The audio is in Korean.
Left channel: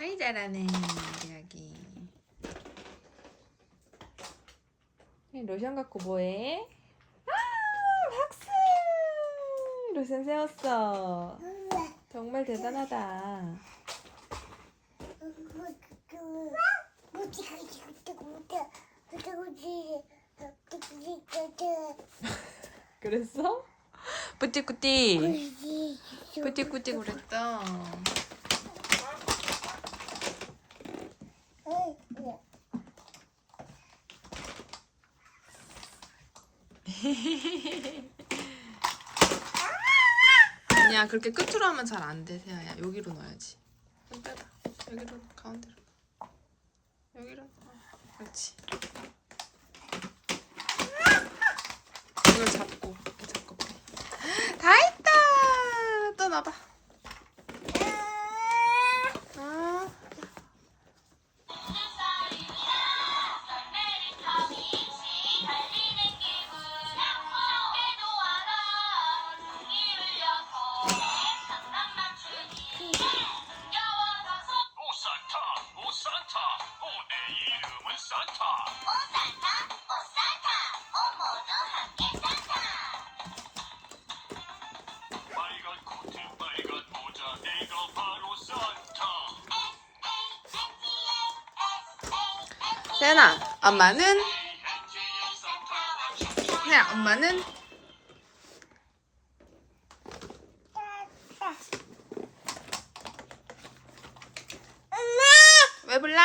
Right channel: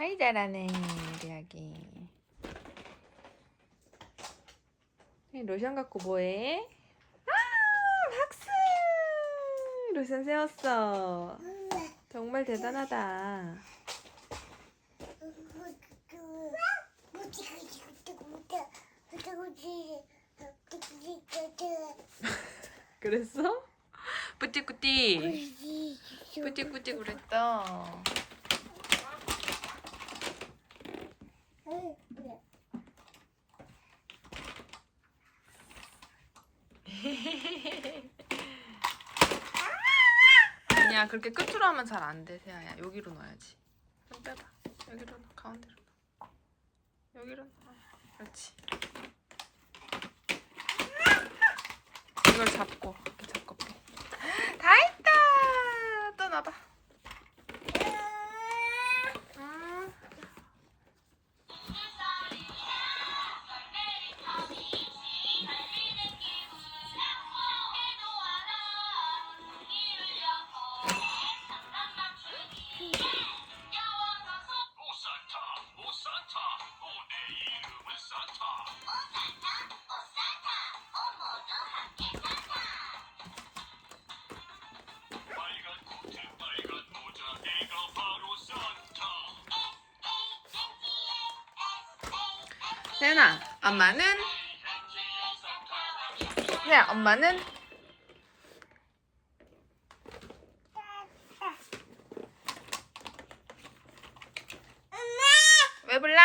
아이 잘하네 우리 아기. 로션 갖고 뭐해? 아 박수! 로션 세웠어. 정말 대단하다. 그랬어? 뿌띠뿌띠. 뿌띠뿌띠 그랬다. 아니야 그렇게 끝으로 하면 잘 안돼 세아야. 여기로 넣어야지. 좀 빼봐. 여기로 넣어 가운데로. 넣어 여기로. 넣어 그렇지. 이걸 잡고 잡고 빼다 했다! 또 넣어봐 세연아 엄마는 세야 엄마는 왜 불러?